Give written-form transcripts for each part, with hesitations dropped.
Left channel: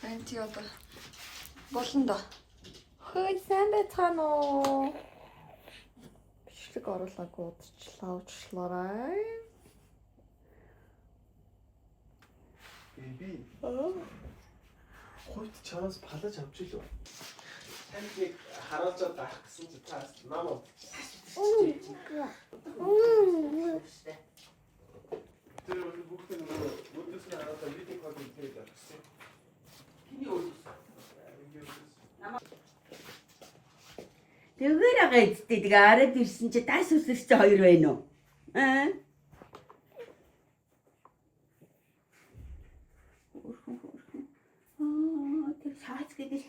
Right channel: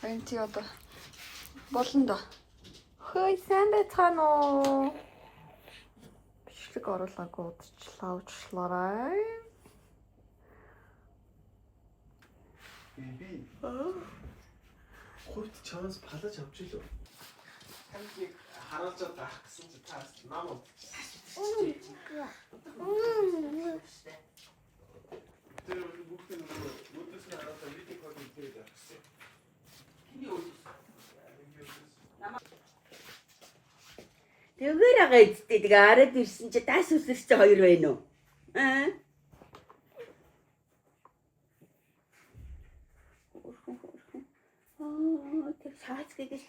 Харин тий одоо болно да. Хөөе сайн байцгаана уу? Бичлэг оруулаагүй удаачлаа. Би хойд чанаас палаж авч илүү. Танд нэг харуулж авах гэсэн чи таас намаа. Тэр бүгд нэг өдөөс нь хараад видео кол хийгээд авчихсан. Хиний өдөөс. Тэгээр агаа эцтэй тэгээ араад ирсэн чи даас үсэрч чи хоёр байна уу? Аа? Тэр шаац гэдэг.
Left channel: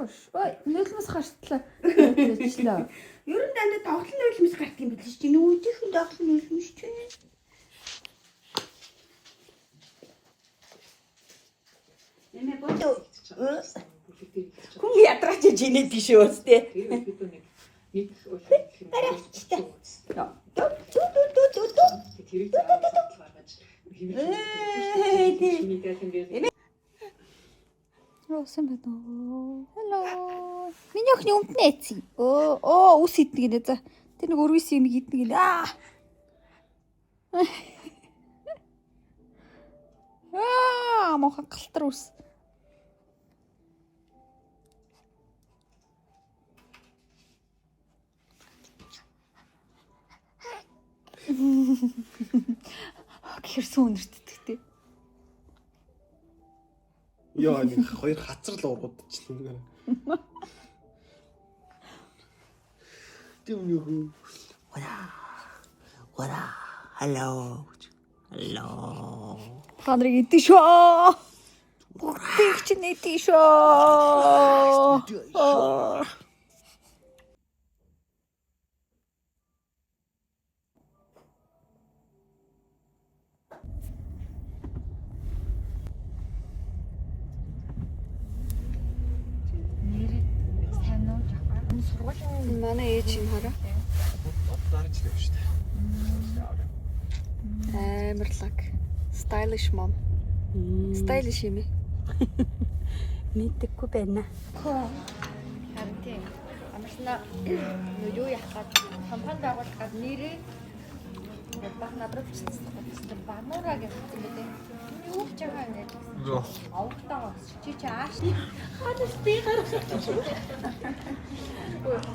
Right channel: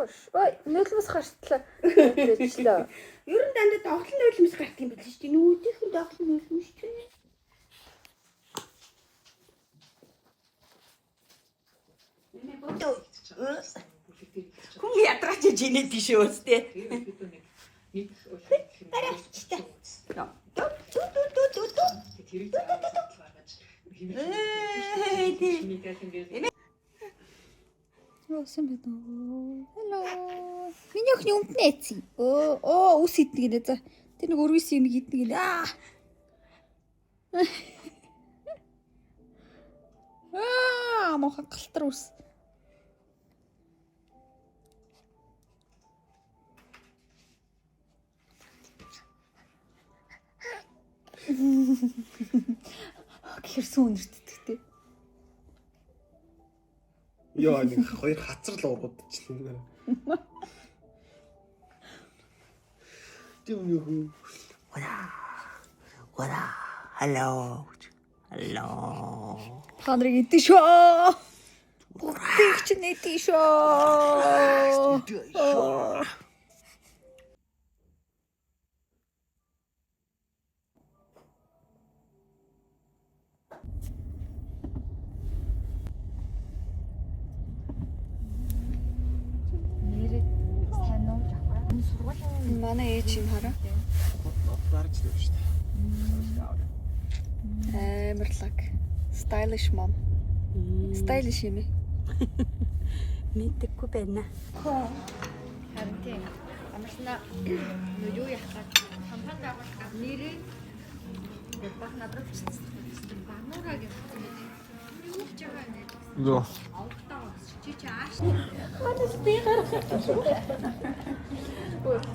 Багш. Ой, нөлмөс хартлаа. Тэжлээ. Ер нь дандаа тоглолт нөлмөс гарт юм биш чи нүүжих тоглолт нөлмөс чи. Нэмэ бодоо. Хүн ядраач жинэ биш үстэй. Яасан бэ дөө? Hello. Миний охины өмднэ эцэг. Оо, ус идэх гинэ за. Тэр нэг өрвис юм идэх гинэ. Мохон галтар ус. Гэрсэн үнэртдэг тий. Яа нэг хоёр хацар л ургадчихлаа. Тэм юу. Вара. Hello. Та нарыг идэх шүү. Бүгд чинь идэх шүү. Манай ээж юм хараа. Дарж ирээ шүү дээ. Амарлаг. Stylish mom. Stylish юм ээ. Мэдээгүй байна. Харин тийм. Амарсна юу яах гээд компани байгуулах гээд нэрээ баг надруу бичсэн. Бамуура гэх юм дээ. Юу ч байгаа юм. Йоо. Авахтаа чи ааш.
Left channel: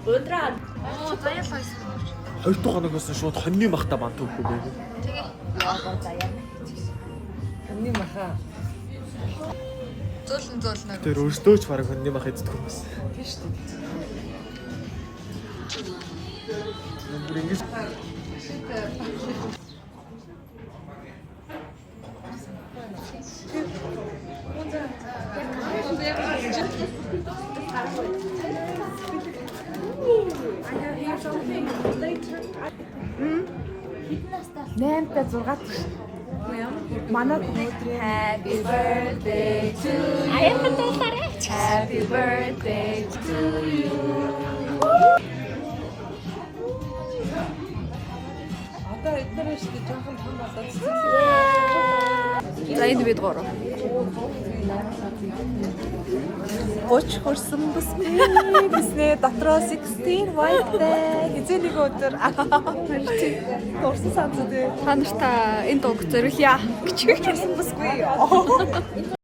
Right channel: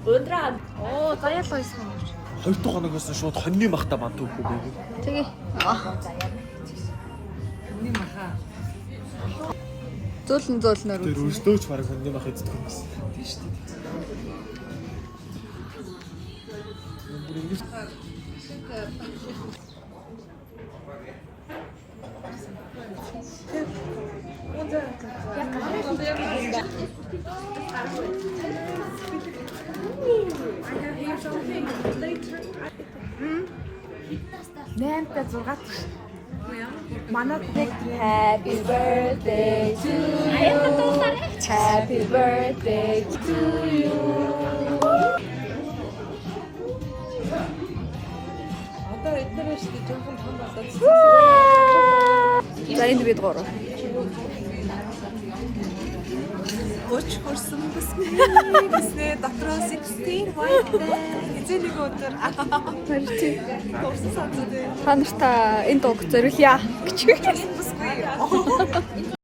Өндраа. Оо, заяалаа байсан. Хоёр дахь хоногоос нь шууд хоньны махта банд өгөхгүй байв. Хоньны маха. Зөөлнөр. Тэр өөртөө ч бараг хоньны мах эздэг юм байна. Тийм шүү дээ. Бүр ингэж Нэмтэ 6 Манай Happy birthday to you. Happy birthday to you. Одоо эдгээр шүү дээ жоохон том болоод. За энд бид гурав. Гоч хурсан бүснэ дотроо 16 white хэзээ нэг өдөр тий дурсан санд дээ та нартай энэ дууг зориулъя гэж хэлсэн бүсгүй